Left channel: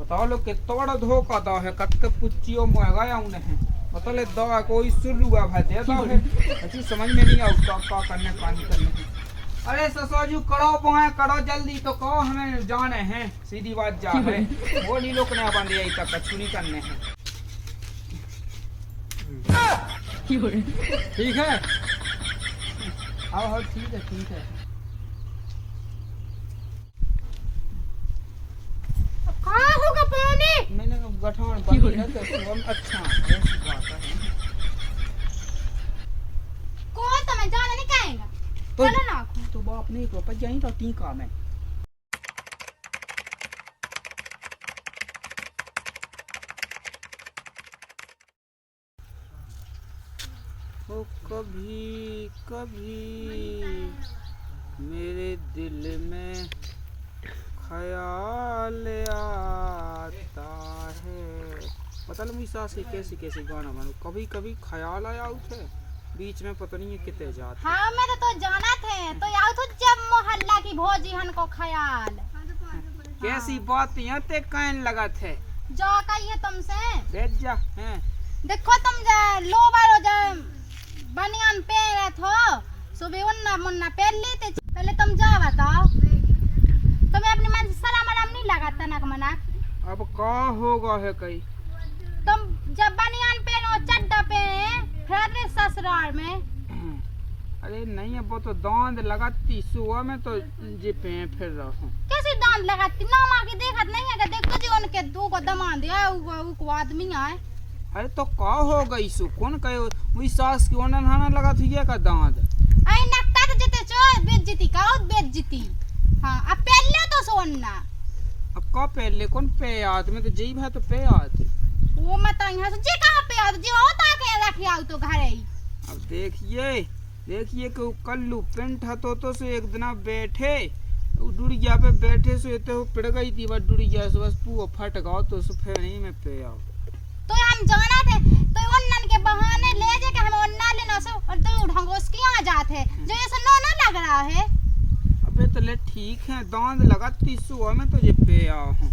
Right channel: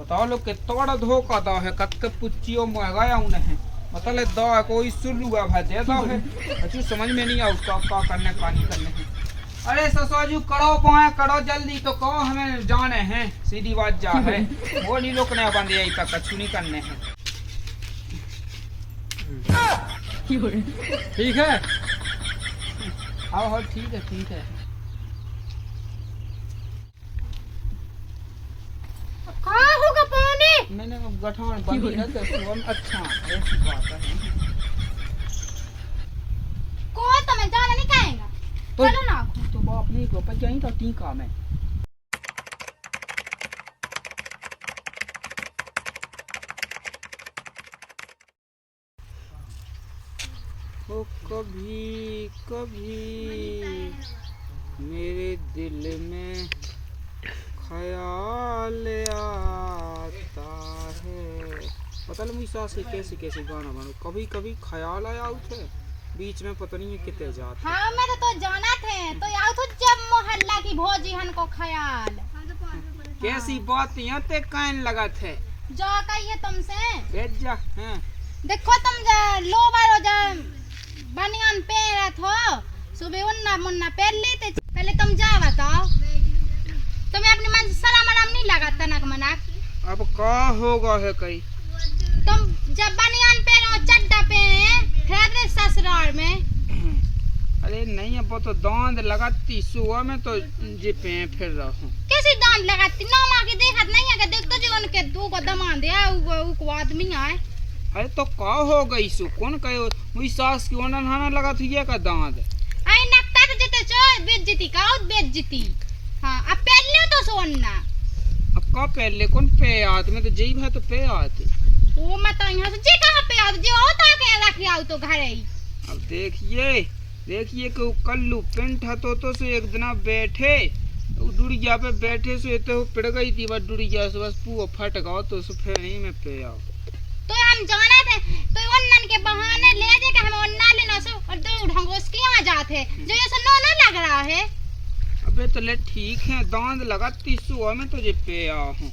बताओ लो कितना बड़ा धोखा दा है कत के पुच्चियों मंगाया उन्हें मतलब दा कोई शुरू हुआ भाई दे दा है अच्छी समझ में नहीं आता का करने का नहीं करने की। अरे ससुराजू करो पाए करो जल्दी तो कहो हमें जाने हैं सीधी बात जा है वो नहीं लोकने बंद यही तक कछु नहीं करने हैं। ठीक है हाँ ठीक है ठीक है। कहाँ होगा पानी? मैंने गठान बंदी है तो सुबह अच्छा ऐसी बात है। कौन तो मैं जाना नहीं कहेगा तो चलो ना तो बाप नहीं को पर जाई तो टीका में ओ कभी कभी मेरे दिल में ख्याल आता है। पता नहीं मुझे सास से कैसे कैसे गाना बनाऊं कभी कभी ख्याल आया उठे बीच में पता नहीं है कितने जाते। हाँ मैं तो जाना थे तो यार तो जब मोहल्ला की भौजी हन को ख्याल कैसी बात यहाँ ते कहने लगा थे जो कहिए तुमसे बैठ जा हैं देखो तुम जा लो बारो जा बनियान पहन रहे हो सुबह उन्ना मुन्ना पहन लेते पहले तुम जा बताओ तुम्हें अपनी मन से सलाम आराम नहीं लगा तनक मनक। अब का होगा है कहीं तुम जब बनियान पहनो चड्डा पहने फिर ससुराल में। अरे नहीं अब तो दांत लगाती सुबह में तो जे पे फिर रहा हूँ कैसी दांत लगाती नौ माँ की देखत नहीं है कि देख तो जो उनके दो को दमाद है वो आदमी आए। अरे तो का हो गई सु कौन कहे मुई सास की ओना नहाना लगा थी ये का दांत आई नक्ता तो जते चो बेइज्जती का बेइज्जती। हाँ अब पहले तो सोना अब का पहले कौन पे आत में तो जई भाई तो पे आत वो मत यहाँ से जे कहाँ पे आओ जो होता के रख आओ तो घर ही। अब देखिए कि कल्लू पेंट तो से एक दिन बैठे डुड़िया पे बैठे से तो पिड़ गई थी बस डुड़िया से बस पूरा फट गया तो फिर नहीं में पे आओ तो हम जाना थे तो उन्नन के बहाने ले जे के हम उन्ना लेना से और तो ढंगोस के यहाँ जाते जो ये से नो लग रहा है। अबे तो ले ठीक है दांत लगाती सुबह में तुझे पे आओ हूँ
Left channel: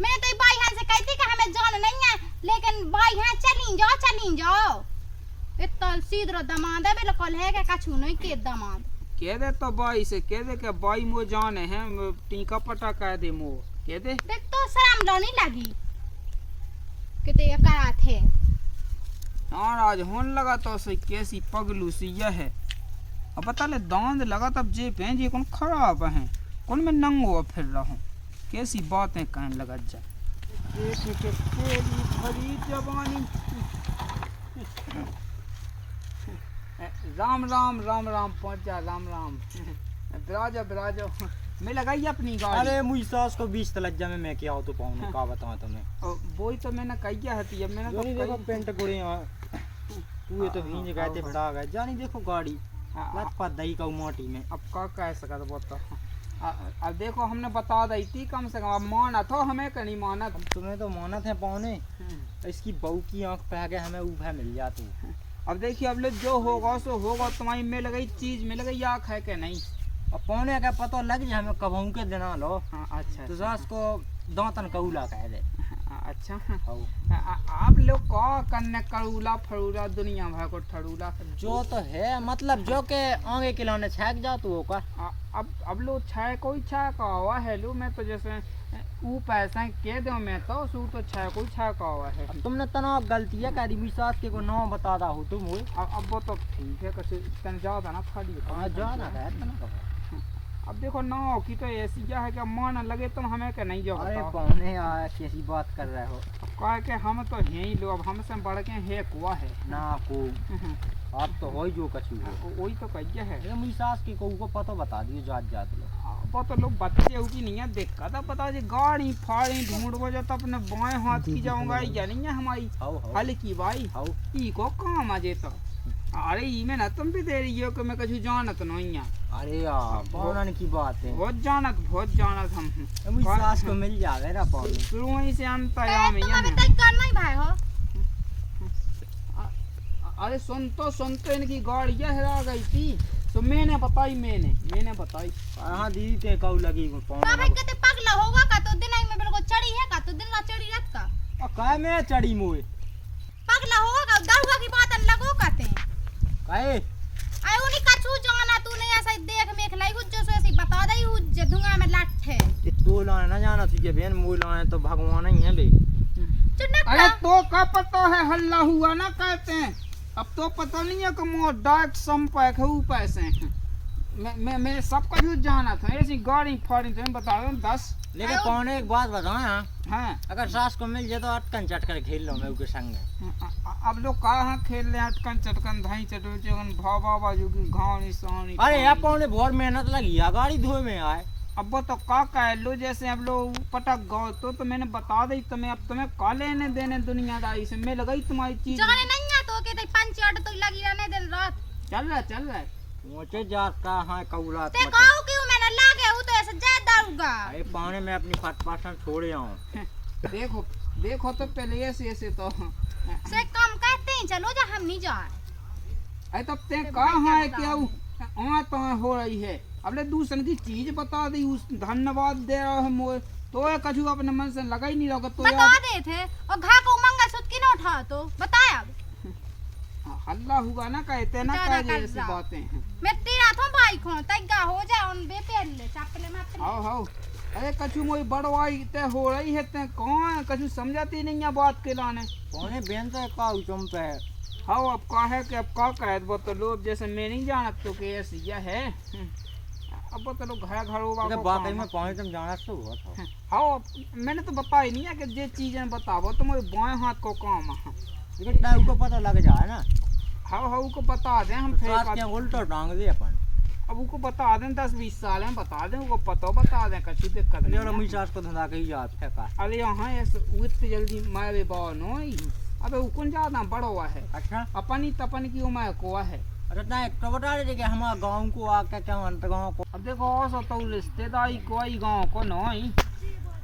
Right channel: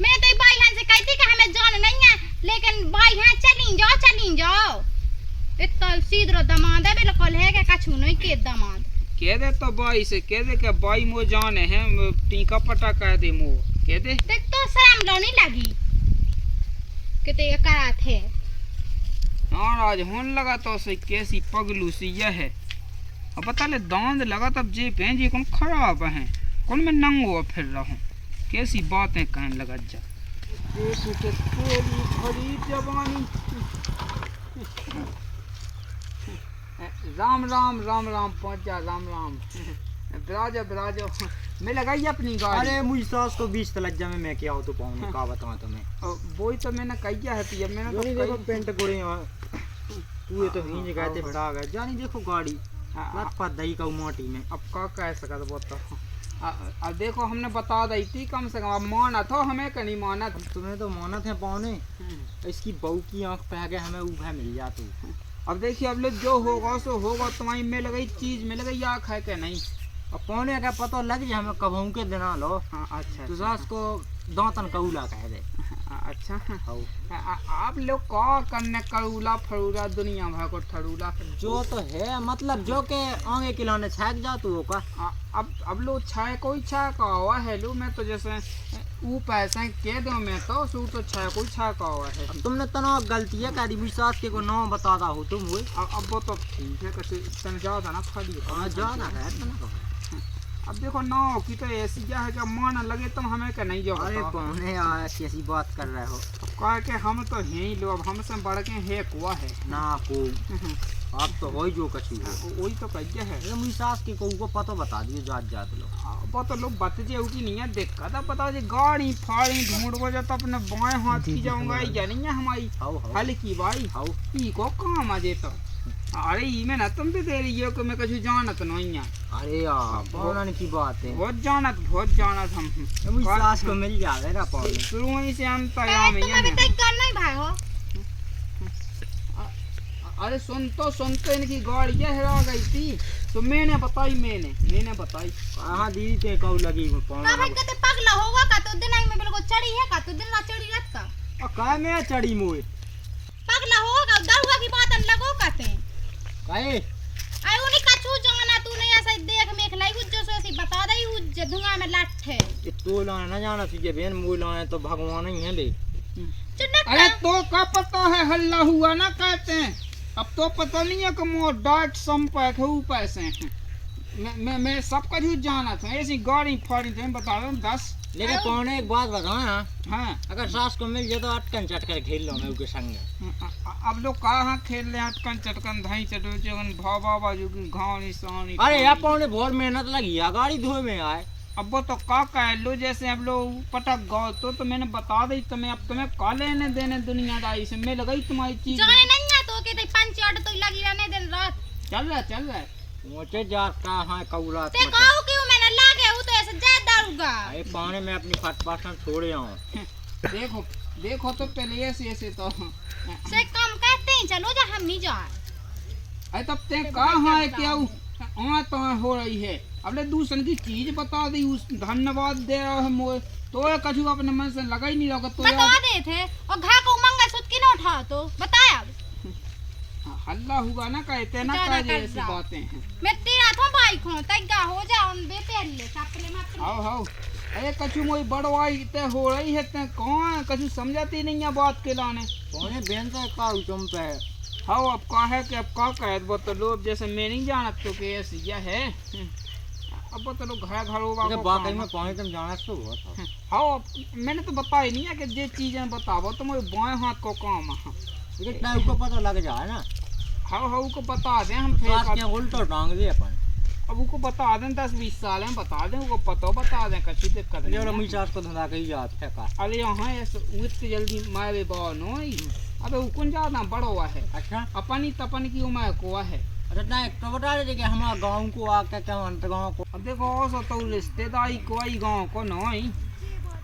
मैं तो भाई यहाँ से कहती कि हमें जान नहीं है लेकिन भाई यहाँ चली जाओ इतना सीधो दमाद है बिल्कुल है कि कछु नहीं के दमाद कह दे तो बाई से कह दे कि बाई मो जाने हैं टीका पटा कह दे मो कह दे देख तो शर्म लो नहीं लगी कि ते करा थे। हाँ आज होने लगा तो से कैसी पगलू सी यह है अब बता ले दांत लगा तब जे पे जी कौन खराब है कौन मैं नंगो फिर रहा हूँ कैसी बातें कहने लगा जा भरी जवानी। राम राम राम राम पहुँच जा राम राम बिराजो मैं लगाई अपनी गाड़ी। अरे मुझ सास को 20 लज्जा में मैं क्या हो तो पाऊँ का बताऊँ तुम्हें वो ही तो मैंने कहिया है कि अब मैंने तो देखो पेंट गुड़े तू तो भींज गए थे भड़ा गए जानी देखो गाड़ी लत पा दही का मोटी में अब का कह सका तो बताओ अब देखो हमने बता दी थी कम से कम अब माना था हमें का नहीं माना था तुम्हें तो माना थे पौने इसकी बहू की आंख पे आगे हमें उभा मिल जाती। अब देखिए अब लोग जो होगा सो होगा तुम्हारी में लगई चीज में लगई आँख है कि नहीं अब पौने का पता लग जाए हमें कब के देना लो। हाँ अच्छा तो सास को दांतन कऊला कह दे। अच्छा आप लोग का करने करूला फरूला दुनिया भर को ठरूला जो तो है मतलब जो के आगे खिलाने छाक जा तू का अब लोग छाए कोई छा का हुआ है लो मैं तो जैसे ऊ पैसे कह दो मैं तो सू तो छाए कोई छा का हुआ है। अब तुमने तनाव गलती है करी मुझ सास के को नाम बताता हो तुम हुए अब वो तो ठीक है कैसे तन ज्यादा ना खाली हाँ जाना है अब देखो नाव की तो ऐसी क्या है कि मान लगे तुम हमें का नहीं जाओ। अरे कौन ऐसी ऐसी बात कर रहे हो कह के हम तो हैं ही लोग अब हमसे बढ़ के है कुआ है ना को आप तो हो जो कछु वही तो कहिए है ये मुझी सास की को पता बता दियो जात लोग वो तो लोग बच्चे की नहीं है देखा था पता जी गाड़ी फाड़ी ढूंढ जाता अपने बाएं हाथ की जाऊंगा या नहीं है हमारी हल्की भाई ई को काम आ जेता। अरे ई में ना तुम भी दे रही हो कि मैं कुछ जानत नहीं है। अरे यार पौनन की बात है बहुत जानत हम मुझी सास को मिल जावे ना पौन शुरू ही से हम तैयार में है तय करना ही भाई हो। अरे सुन तो इनकी गाड़ी क्या हेरा गई थी तो मैंने बताई हाँ दीदी ते कऊ लगी भाई कहते पगला होगा का तो दिन में बिल्कुल चढ़ी है का तो दिन काय में चढ़ी मोए पगला होगा दरुआ की बात लगो कहते हैं काहे आई उन्हीं का छू जाना तूने ऐसा देख मेख लाई हुज जो ऐसी बता दई हुज धुआं में लट है कि तो लाने ना जाना तुझे बहन मोए लाने तो भगवान ही है ले अरे तो का पता है हल्ला हुआ ना कहते हैं। अब तो पता नहीं है कि मोर डायरेक्ट संपर्क है ऊपर से मैं सब कुछ जाना था। ऐसी गाड़ी फाड़ी तो बता दो 10। लेकिन पौने एक बात बताया हाँ अगर सास को मिल जाए तो अटकन चटकर खेल लो मैं उसके संग अब लोग कहाँ खेल रहे हैं अटकन चटकन धाई चटो चगन भाव बाजू की घाव निशानी। अरे यार पौने बहुत मेहनत लगी है गाड़ी धोए में आए अब वो तो का कह लो जैसे अब लोग पटक गए तो मैंने बता दी तुम्हें। अब तुम्हें का लेने देने दुनियादारी से मैं लगाई तुम्हारी चीज जाने नहीं है तो के पंच आट तो लगी रहने दिन रात चल रहा है मुझे जाता है कौला ते कहू क्यों मैंने लागे वो तो ऐसे ज्यादा दारूगा अरे पानी में अपनी फटपासन छोड़े आऊं देखो तो पहले ऐसे तो से कम कहते हैं चलो जा हम नहीं जाए। अरे तब ते कहाँ है क्या वहाँ तो हो रही है। अब ले दूसरे की चीज बता दी उस धन्यवाद दे रहा है मोए तो कछु अपने मन से लगा ही नहीं रहा तो बता दे थे और घा को मंगलसूत्र की ना उठा तो बताया अब हल्ला हुआ ना कहते ना कह ऐसी बातें हैं। मैं तेरा था भाई को तैगा हो जा उन बेटे ले चपले मत हां अरे कछु मोई बड़वाई ते हो रही है ते कौन कछु समझाती नहीं है बात के लाने पौने बेन से का तुम पे हाँ अब का है कि अब का कहे वो तो लोग जैसे मैं नहीं जानत तो कि ऐसी यह है। अब वो तो लोग घर होगा तो बाकी में पौने तुम जाना तो हुआ हाँ मैंने तो बताया नहीं है कि जे चीजें बतावो तो मेरे बाएं हाथ को काम है लेकिन टाइम को पता लग जाए ना। हाँ को बता दें हम फिर उल्टा टांग दे अपन अब उनको बता दें 10-20 साल में बता दें उनको पता बता दें कछु दिक्कत नहीं है। मिजाज को धंधा कही जात है का अरे यहाँ ऐसे इतनी जल्दी मारे बानो अबे उकुन ज्यादा बड़ा हुआ है। अच्छा अपनी तपन की उम्र को है। अच्छा ना तो बता दे कि हमारा गांव को आके क्या अंत गांव को अब देखो सो तो रिश्तेदारी कोई गांव को नहीं।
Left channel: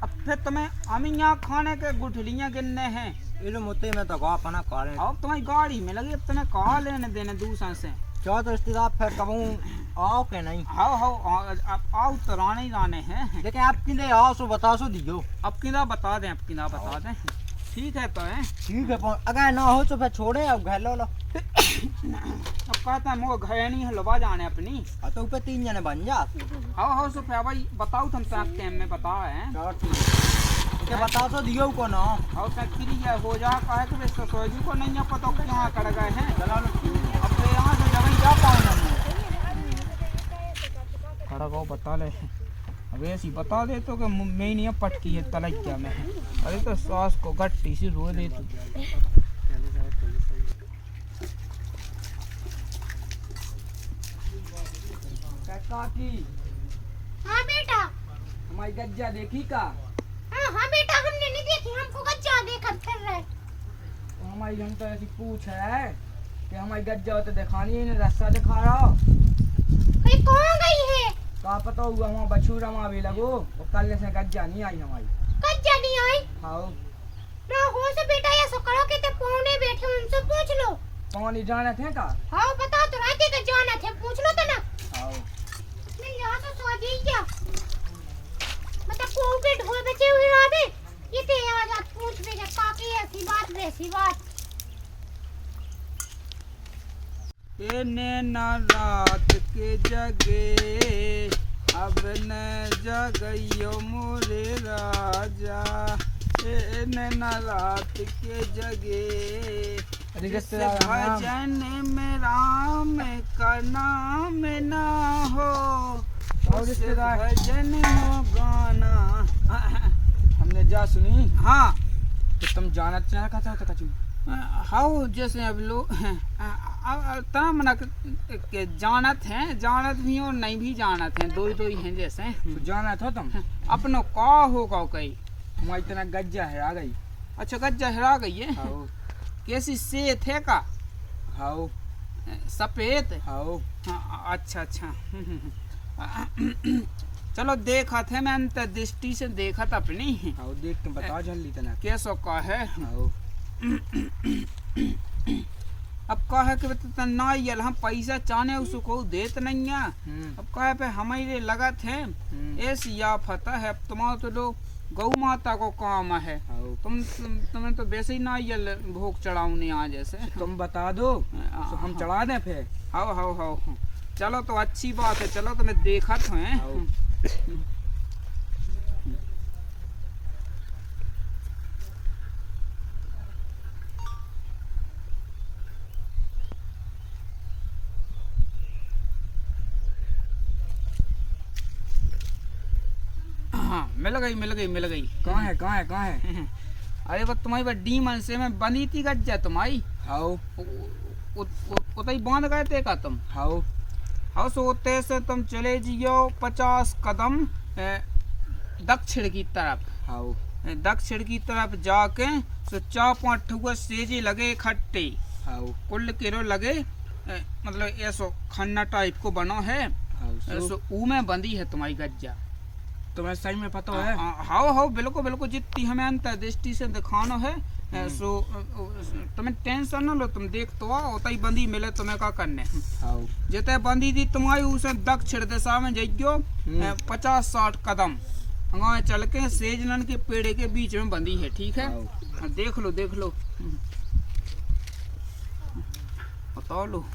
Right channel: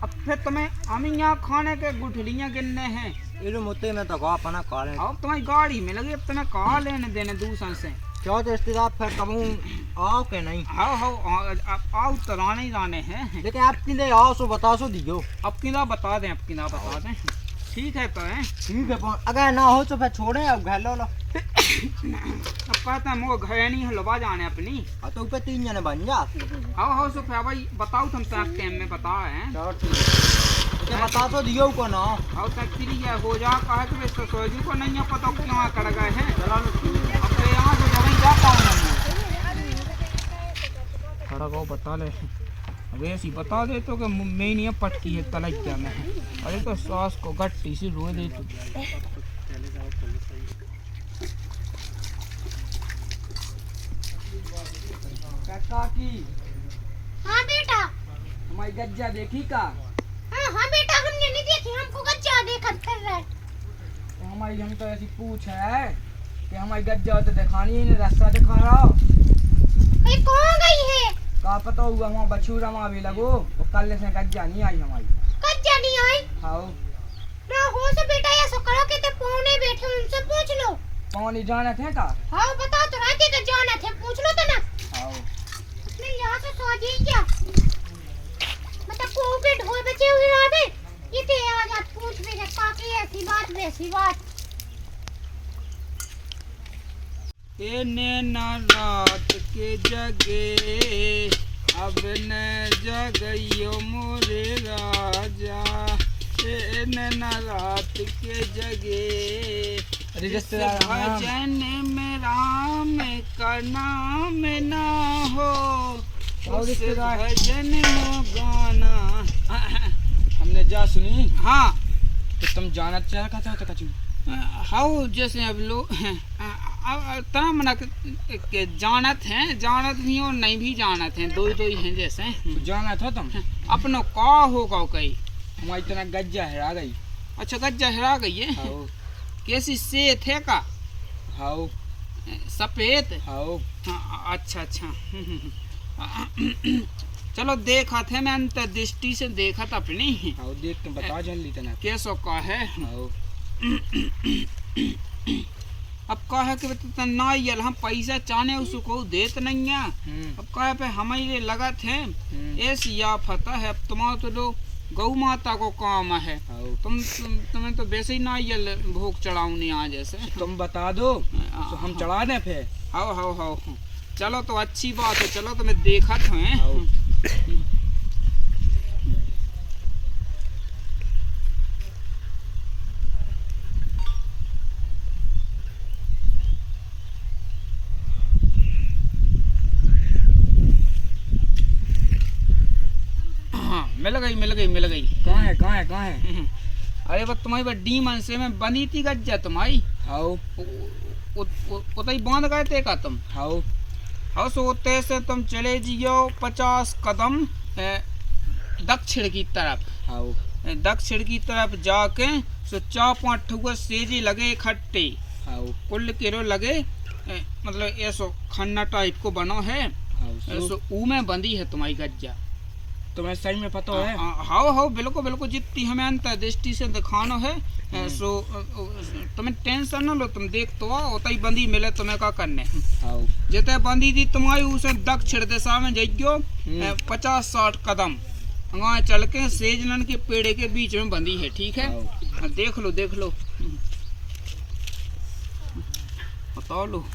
अब फिर तुम्हें हम यहाँ खाने के गुठलियाँ गिनने हैं इलो मुते में तो गा अपना काले अब तुम्हारी गाड़ी में लगी अब तुम्हें कहा लेने देने दूसरे से क्या तो रिश्तेदार फिर कबू आओ के नहीं आओ तो राने ही राने हैं लेकिन आप किधर आओ सो बता सो दियो अब किना बता दें ठीक है तो है ठीक है अगर ना हो तो फिर छोड़े अब घर लो अब कहते हैं मोर घर नहीं हलवा जाने अपनी तो ऊपर 3 जने बन जा हाँ सो फिर भाई बताओ तुम टाइम में बता है बता तो दियो को ना और फ्री है हो जा कहे कि वे सोजू को नहीं पता क्यों कर गए हैं अब तो यहाँ से जब जा पाऊँ खड़ा को बता ले अब ऐसी बता दे तो कि मैं नहीं पटकी है तलक क्या में अरे तो सास को गट्टी से रो दे तू काकी हाँ बेटा हमारी गज्जा देखी का हाँ बेटा हमने नहीं देखी हमको गज्जा देखा फिर रहे तो हमारी हम तो ऐसी पूछ है कि हमारी गज्जा तो दिखानी है रास्ता दिखा रहा कहीं कहाँ गई है का पता हुआ वहाँ बछूरा वहाँ भी लगो वो कल से गज्जा नहीं आई हमारी गज्जा नहीं आई हाँ ना हो से बेटा ऐसा करो कि ते पौने बैठे उनसे पूछ लो पानी जाना थे का हाँ बता तो रहते कि जाना थे पूछ लो तो ना हाँ मिल यहाँ से सो जी क्या मतलब को पे ढोल बचे हुए रात ये ते आज आप पूछ भी जब काकी ऐसी बात वैसी बात ए नैना रात के जगे अब न जगइयो मोरे राजा ए नैना रात के जगे भजन में राम का नाम ना हो उस भजन में गाना हमने जा सुनी हाँ तो तुम जाना चाहता हो तो कचू हाउ जैसे अब लोग तरह मना के जानत भी और नहीं भी जानत हैं दो ही हैं जैसे तो जाना था तुम अपनो का होगा कई हमारी इतना गज्जा है आ गई अच्छा गज्जा हेरा गई है हाँ कैसी सेत है का हाँ सफेद हाँ अच्छा चलो देखा थे मैं अंतर्दृष्टि से देखा था अपनी हाँ देख के बता जल्दी तना कैसो का है हाँ अब कहे कि ना यल हम पैसा चाहने उसको देत नहीं है अब कहे पे हमारे लगा थे ऐसी आफत है अब तुम्हारा तो लोग गौ माता को काम है। हाँ। तुम्हें तो वैसे ही नारियल भोग चढ़ाऊनी आज जैसे। तुम बता दो तो हम चढ़ा दें फिर। हाँ चलो तो अच्छी बात है, चलो तो मैं देखा था मिल गई। कहाँ है? अरे वो तुम्हारी बड्डी मन से में बनी थी गज्जा तुम्हारी। हाँ उतई बांध गए थे का तुम। हाँ सोते से तुम चले जियो 50 कदम दक्षिण की तरफ। दक्षिण की तरफ जाके सो 4-5 ठुआ सेजे लगे इकट्ठे। कुल किलो लगे मतलब ऐसो खन्ना टाइप को बनो है। सो ऊ में बंदी है तुम्हारी गज्जा। तुम्हें सही में पता है? हाँ बिल्कुल जितनी हमें अंतर्दृष्टि से दिखाना है। सो तुम्हें टेंशन न लो, तुम देख तो उतना ही बंदी मिले तुम्हें का करने। जितने बंदी थी तुम्हारी उसे दक्षिण दिशा में जाइयो 50-60 कदम वहाँ चल के सेजलन के पेड़ के बीच में बंदी है, ठीक है? देख लो बता लो।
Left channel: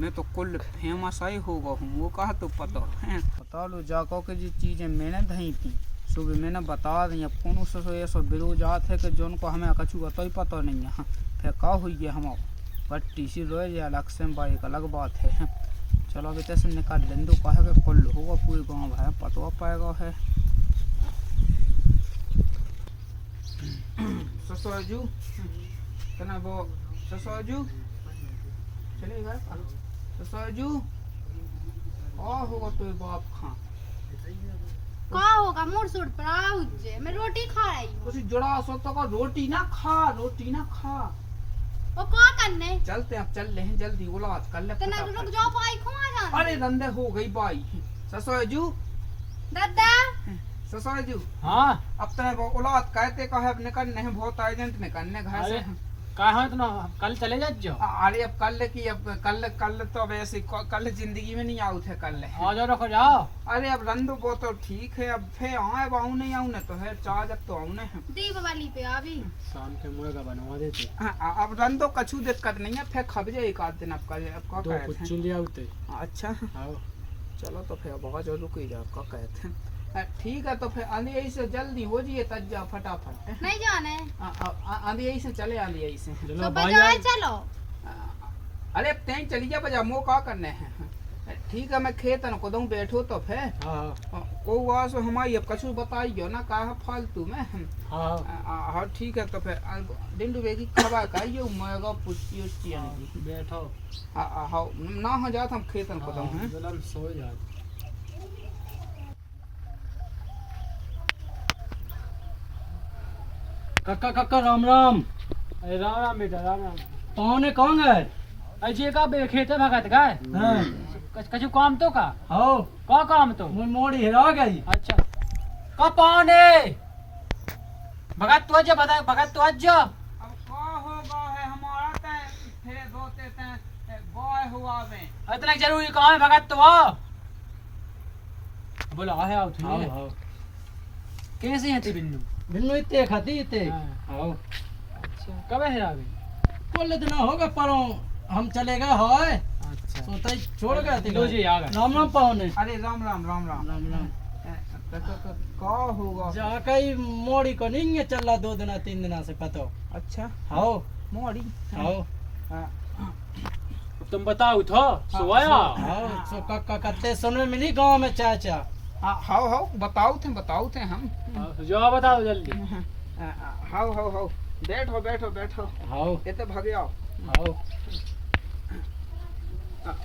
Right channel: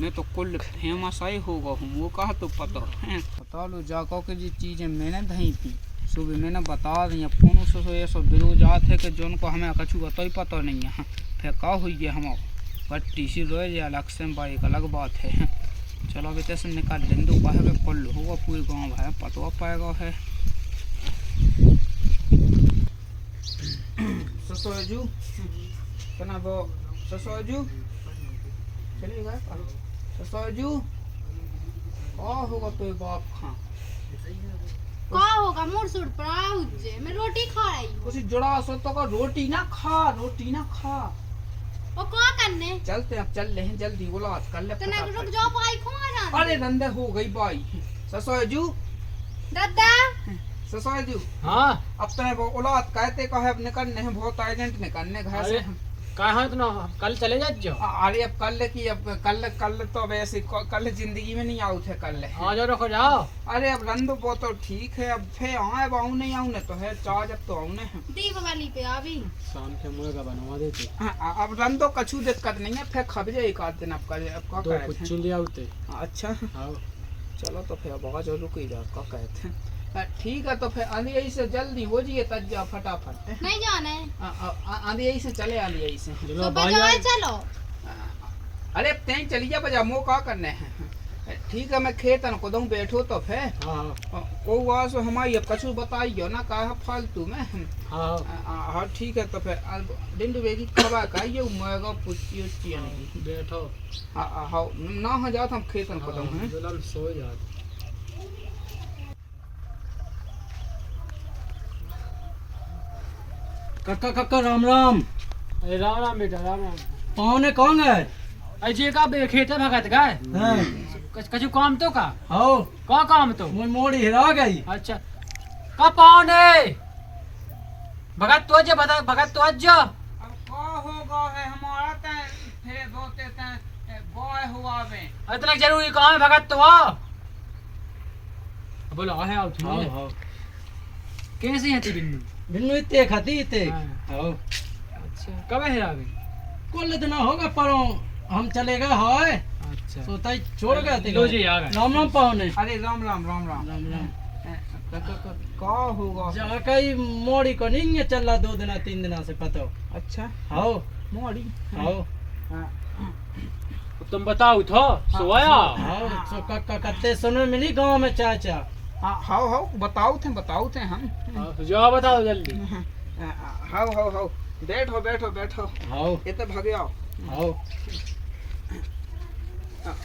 मैं तो कुल फेमस आई होगा हूँ, वो कहा तो पता है। बता लो जाको के जी चीज़ें मैंने दही पी सुबह मैंने बता दी। फोन से ऐसा बिरोजात है कि जो उनको हमें कछु तो ही पता नहीं है। फिर का हुई है हम बट्टी सी रोए या अलग से भाई एक अलग बात है। चलो अभी तैसे निकाल लें दो कहे कि कुल होगा पूरे गाँव भाई पता पाएगा है। ससुरजू तना वो ससुरजू चलिए गए ससुरजू होगा तो बाप खां का होगा मुड़ सुड़ पर आउजे मैं रोटी खा रही हूँ। उसी जुड़ा सो तो का रोटी ना खा वो क्या करने चलते अब चल रहे हैं जल्दी बोला आज कर ले तना रुक जाओ भाई खाना। अरे रंदे हो गई बाई ससुरजू दादा ससुरजू। हाँ अब तने वो औलाद कहते का है अब निकलने हैं बहुत अर्जेंट निकलने घर से। कहाँ इतना कल चले जाओ? अरे अब कल तो वैसे कल जिंदगी में नहीं आउट है कल। आ जाओ रखो जाओ। अरे अब रंदो वो तो ठीक है अब फिर आऊँ नहीं आऊँ तो है चार्ज अब तो आऊँ दीपावली पे अभी शाम के मुर्गा बनवा देते। अब रंदो कछु दिक्कत नहीं है फिर खब जाए एक आध दिन अब दो कुछ ले आते। अच्छा चलो तो फिर बहुत रुक ही जाओ क्या कहते हैं। ठीक है तो फिर आंधी से जल्दी हो जाइए तज्जा फटाफट। नहीं जाने आंधी से चले आंधी से तो बाजार चलो। अरे तें चली जा बजा मो का करने हैं। ठीक है मैं खेत को दूँ बैठो तो फिर को वास हमारी अब कछु बताइयो ना कहा फालतू में। हाँ ठीक है तो फिर डिंडू बेगी खबा कहियो मगा पुच्ची उच्ची बैठो। हाँ ना हो जात हम खेत को दूँ हैं सो जात। काका राम राम। अरे राम बेटा राम। पौने कौन है? अजय का खेत भगत गाय। कछु काम तो का? का काम तो? मोड़ी हिरा गई। अच्छा का पौने भगत तो अज भगत तो अज इतना जरूरी काम है भगत तो बोला है। कैसी है बिन्नू इतने खाती इतने। अच्छा कब है आ गई? कुल दिन होगा पर हम चले गए है। अच्छा सोता छोड़ गए थे। लो जी आ गए। राम राम पाहुने। अरे राम का होगा जाके ही मोड़ी को नहीं है चल रहा 2 दिन 3 दिन से पता। अच्छा हाँ मोड़ी तुम बताओ तो सोया। हाँ सो काका कत्ते सुनने में नहीं गाँव में चाचा। हाँ बताओ थे हम। जो बताओ जल्दी। हाँ बैठो हाँ इतने भागे आओ। हाँ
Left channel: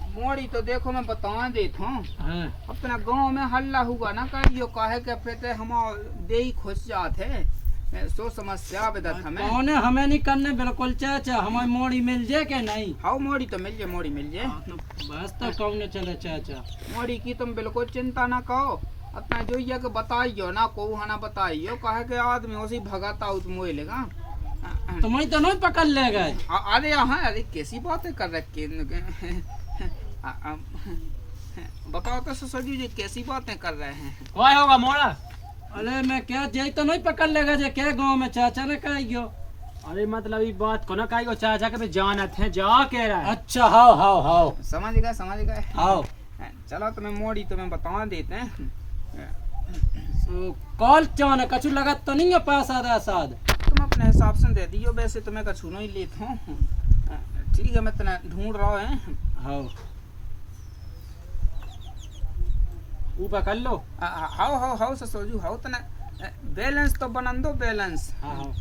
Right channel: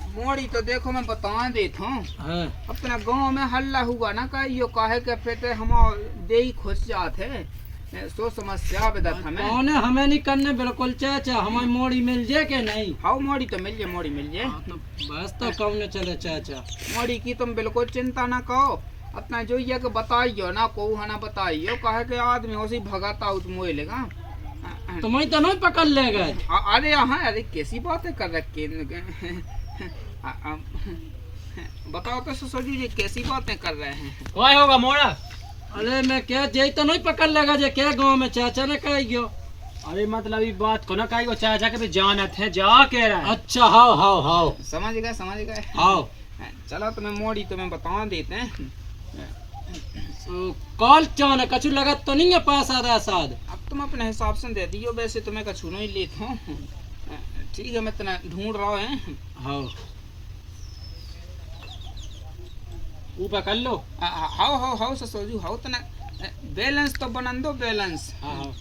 मोड़ी तो देखो मैं बता देता हूँ। अपना गांव में हल्ला हुआ ना कहियो काहे के पेटे हम दे ही खुश जाते सो समस्या बेदत हमें नहीं करने बिल्कुल चाचा हमारी मोड़ी मिल जाए के नहीं। हाँ मोड़ी तो मिल जाए बस तो कौन चले चाचा। मोड़ी की तुम बिल्कुल चिंता ना करो अपना जो ये के बताइयो ना को ना बताइयो कहे के आदमी उसी भगाता उस मोए लेगा तुम्हें तो नहीं पकड़ ले गए। अरे हाँ अरे कैसी बातें कर रखे बताओ तो ससुर जी कैसी बातें कर रहे हैं। कोई होगा मोड़ा अरे मैं क्या जे तो नहीं पकड़ लगा जे क्या गांव में चाचा ने कह गयो। अरे मतलब ये बात को ना कही वो चाचा के भी जानत है जा कह रहा है। अच्छा हाओ समझ गए हाओ। चलो तुम्हें मोड़ी तुम्हें बता देते हैं। कॉल क्या ना कछु लगत तो नहीं है पास आधा साध। तुम अपने हिसाब से दे दियो, वैसे तुम्हें कछु नहीं लेता हूँ। ठीक है, मैं तना ढूंढ रहा है। हाओ ऊपर कर लो। हाउ ससुरजू हाउ तना बैलेंस तो बनन दो बैलेंस। हाँ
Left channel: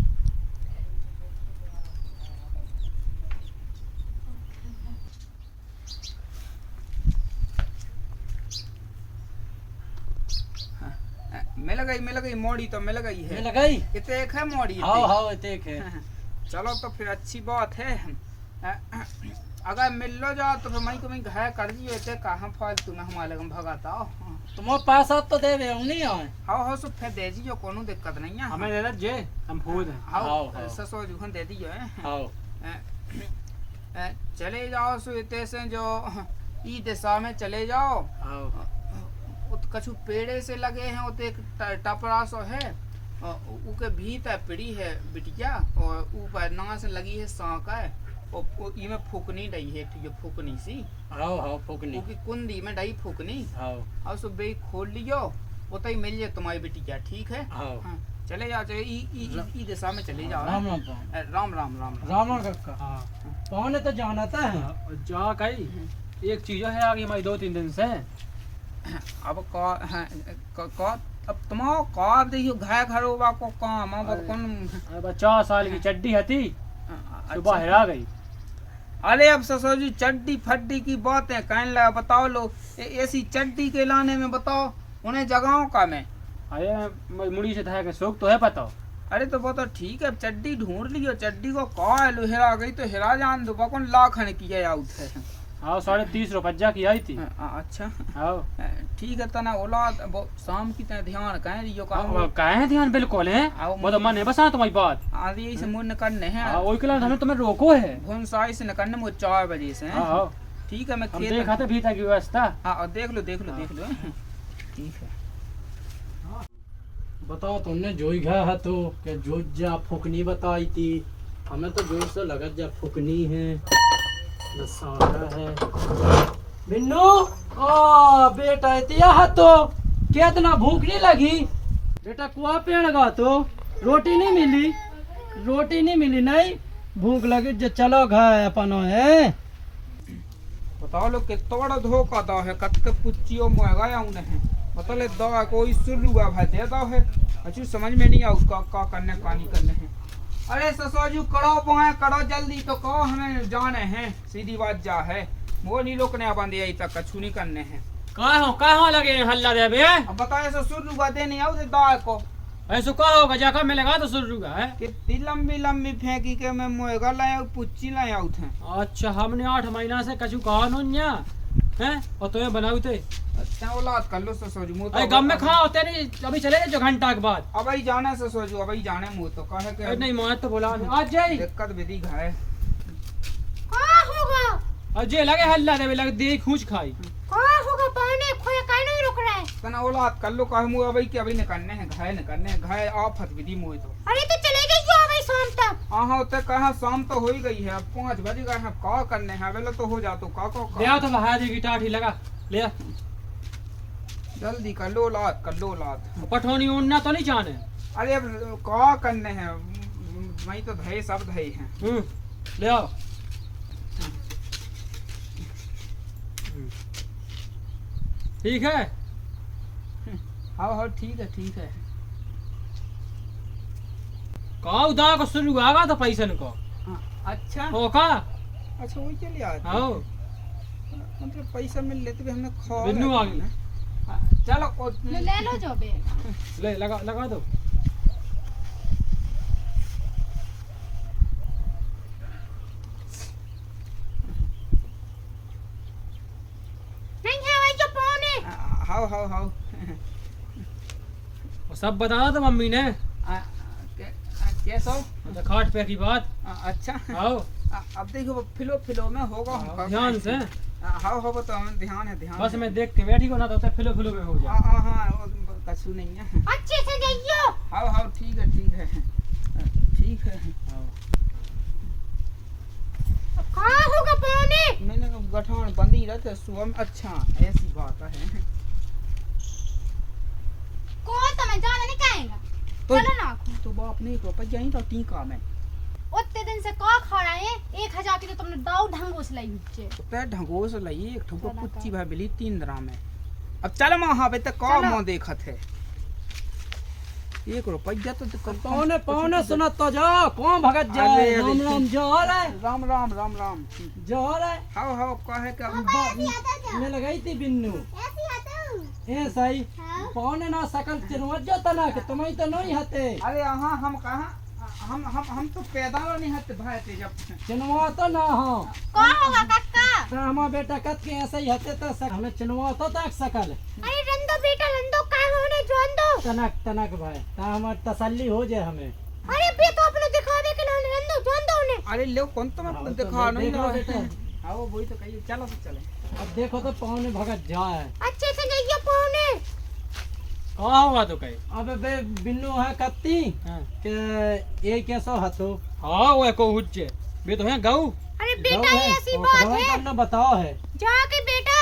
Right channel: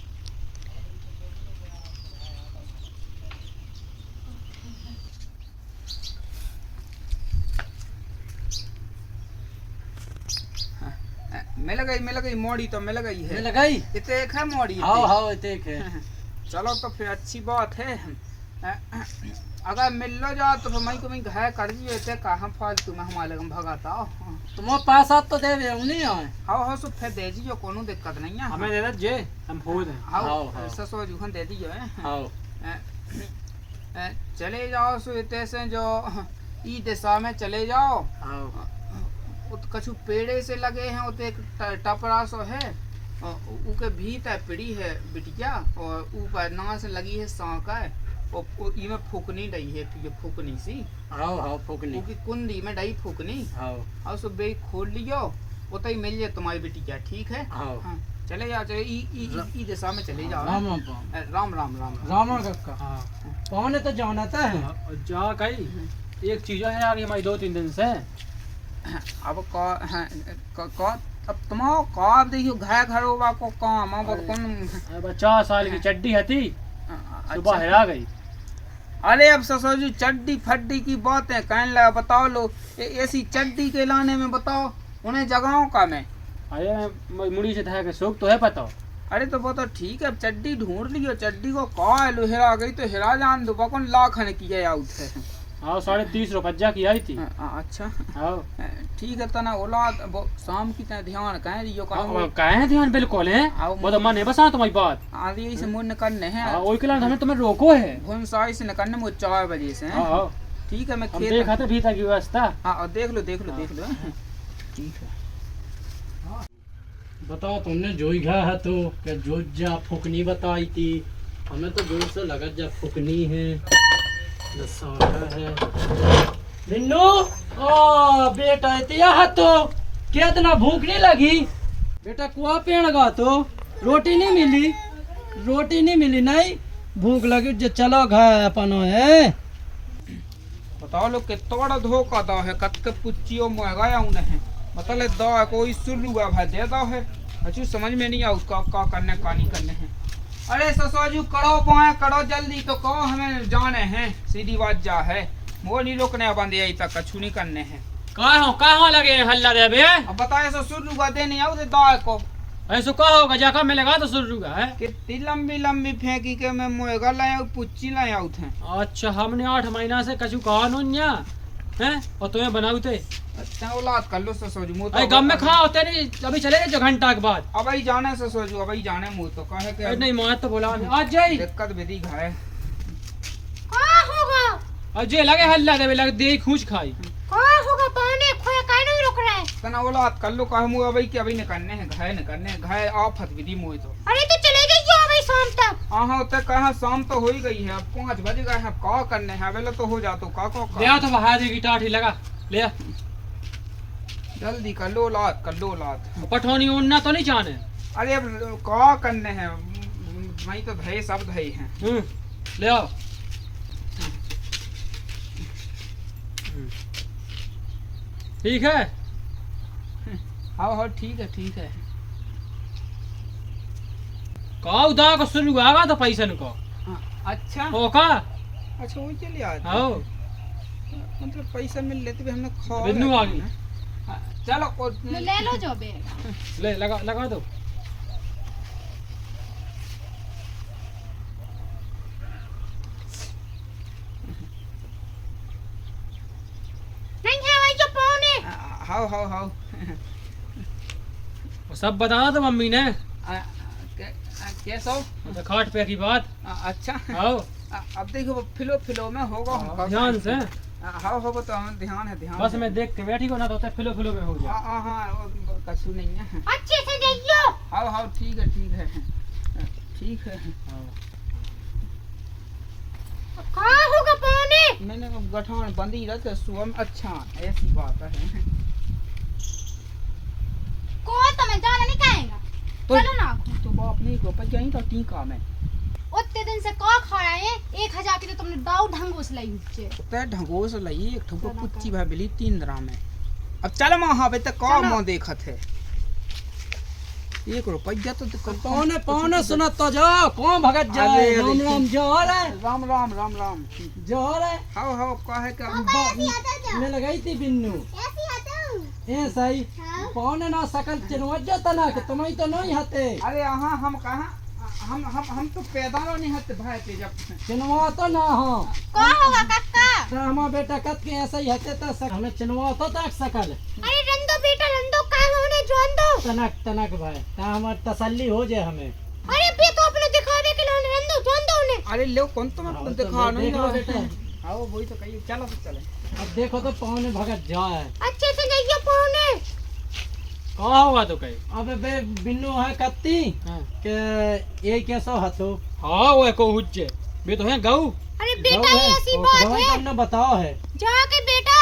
मिल गई मोड़ी तो मिल गई है। मिल गई इतने एक है मोड़ी। हाँ इतने एक है। चलो तो फिर अच्छी बात है। अगर मिल लो जाओ तो मैं को घर कर दियो इतने कहाँ फालतू में हमारे लगे भगाता हो। तुम पास आप तो दे नहीं आए। हाँ सो फिर दे दियो, कोनो दिक्कत नहीं है। हमें दे दे जे हम फूल हैं। हाँ ससुर जी दे दियो है। चले जाओ सो इतने से जो ई दिशा में चले जाओ। कछु पेड़े से लगे हैं उते एक टपरा सो है, उके भीतर पड़ी है बिटिया और ऊपर ना से लगी है सांका है और इमे फूकनी डई है, ये फूकनी सी। हाँ फूकनी उकी कुंडी में डई फूकनी। और सो बे खोल लियो उते ही मिल जाए तुम्हारी बिटिया। ठीक है। हाँ चले जाओ, चले ई दिशा में चले जाओ। राम कक्का। कौन है तो जाना था जा कही एक चीज है आगे हमारी 2-3 दिन से। अब अब तुम्हारा का देखियो घरोबा को काम अब कौन 4 साल की चड्डी हती सुबह हेरा गई। अरे अब ससुर जी चड्डी फड्डी की बातें कहने लगा। बताओ लो ऐसी चड्डी के लाने में बताओ उन्हें जगहों का में। अरे मुड़ी से था के शौक तो है पता। अरे तो बताओ ठीक है, अब चड्डी ढूंढ लियो। चड्डी को कहा लो हेरा गई तो हेरा जान दो कौन लाखन की आउट है। हाँ 30.5 रुपया की आई थी। अच्छा हाँ ठीक है तना औलाद शाम की तरह ध्यान कह दियो कहे ध्यान बिल्कुल है वो तो मन है बस। हाँ तुम्हारी बात आदि से मुन करने हैं वही के लिए हमने तुम्हें रोको है घुन साई से निकलने मुझे 4 बजे से। हाँ ठीक है, मैं हम देखा था भीतर की व्यवस्था। हाँ देख लो ठीक है। बताओ तुमने जो ही गया है तो क्या जो जा फुकनी बताई थी हमें तो जोर से लगा जा फुकनी है बिन्नू। ओ बेटा इतिया तो क्या इतना भूख नहीं लगी बेटा? कुआ पेड़ गा तो रोटी नहीं मिली नहीं भूख लगी जो चलो घर अपन है। बताओ लोग कितना बड़ा धोखा दो है कत के पुच्चियों महंगा उन्हें मतलब दो कोई सुल्लू भाई दे दो है। अच्छी समझ में नहीं आ उसका का करने का नहीं करने हैं। अरे ससुरजू करो जल्दी तो कहो हमें जाने हैं, सीधी बात जा है। वो नहीं रोकने बंद यही तक कछु नहीं करने हैं। कहाँ लगे हल्ला दे बे? अब बताए सुल्लू दे नहीं आओ दाल को ऐसा कहा होगा जाकर मिलेगा तो सुल्लू का है कितनी लंबी फेंकी के मैं मुएगा लाया पुच्ची लाया थे। अच्छा हमने 8 महीना से कछु कहा नुन्या हैं और तुम्हें बनाऊ थे। अच्छा औलाद कर लो ससुरजू। अरे गम में खा होते नहीं अभी चले जो घंटा के बाद। अब ही जाने ससुरजू अब ही जाने मुँह तो कहे के नहीं मां तो बोला आज जाई दिक्कत विधि घाय होगा अजय लगे हल्ला दे लगे दे खूंच खाई होगा पानी खोया काहे नहीं रुक रहा है। तना औलाद कर लो कहे मुँह अभी के अभी निकलने हैं घाय निकलने घाय आफत विधि मुँह तो। अरे तो चले जाइए अभी शाम तक। हाँ तो कहा शाम तो हो ही गई है, अब 5 बज गए हैं। का करने हैं वेला तो हो जा तो का ले आ तो बहा देगी टाठी लगा ले आ जल्दी कर लो औलाद कर लो औलाद। पठौनी उड़ना तो नहीं जाने। अरे अब का करने हैं वही तो धये सब धये हैं। ले आओ ठीक है। हाँ ठीक है। का उदा को शुरू आगा तो पैसन को। अच्छा हो का अच्छा वही चले आते आओ मतलब पैसा मिल लेते भी हमने खा बिन्नू आ गई। चलो ले लो जो बैग ले लगा दो। नहीं है भाई जो पौने। हाँ वो सब बताना तो मम्मी ने कैसा अच्छा खाट पे की बात। अच्छा आओ अब देखो फिलो में होगा ध्यान से हाँ हो तो हमें ध्यान है ध्यान बस है। मैं देख के बैठी को ना तो फिलो फिलो में हो जाए। हाँ वो कछु नहीं है। अच्छे से जाइयो। हाँ ठीक है ठीक है। कहाँ होगा पौने? मैंने गठान बंद ही रहते सुबह में। अच्छा ऐसी बात है। को तो मैं जाना नहीं कहेगा। तो चलो ना। तो बाप नहीं को पर यहीं तो टीका में उतने दिन से का खड़ा है 1000 की तो तुमने दाऊ ढंगोस लाई हुच्चे। ते ढंगोस लई एक ठुको पुच्ची भाई बिली 3 दरा में। अब चल वहां पे तक का मुंह देखत है। 1 रुपया तो पौने सुना तो जाओ कौन भगत जाए। अरे, राम राम जोहर है। राम जोहर है। हाँ कहे का मैं लगाई थी बिन्नू ए सही पौने ना सकल चिनवजो तना कि तुम ही तो नहीं हते। अरे हाँ हम कहाँ हम तो पैदा नहीं हते भाई ते जब चिनवा तो ना हो का होगा काका? तो हमारा बेटा कत के ऐसे ही हते तो हमें चिनवा तो तक सकल अरे रंदो बेटा रंदो का होने जोन दो। तनक भाई ता हमार तसल्ली हो जाए हमें। अरे बे तो अपने दिखावे के लिए रंदो जोन दो ने। अरे लो कौन तो मैं हाँ, तो दिखा नहीं देख लो बेटा। हाँ वही तो कहिए चलो तो चले। अब देखो तो पौने भगत जाए। अच्छे से जाइयो पौने। कहा हुआ तो कहीं अबे बे बिन्नू है कत्ती के ये कैसा हतो। हाँ वो को हुज्जे बे तो है गऊ। अरे बेटा ये ऐसी बात है। तुमने बताओ है जाके बेटा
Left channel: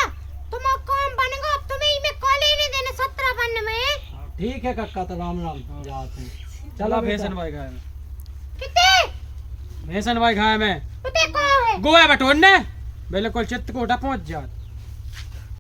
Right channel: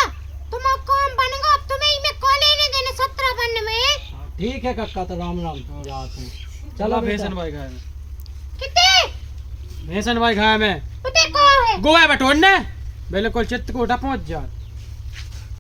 तुम काम बनेगा अब तुम्हें में कॉल नहीं देने 17 बनने में। ठीक है कक्का तो राम जाते चलो भेसन भाई खाए में कितने भेसन भाई खाए में उते को है गोवा बटोन ने बिल्कुल चित्त को उठा पहुंच जात।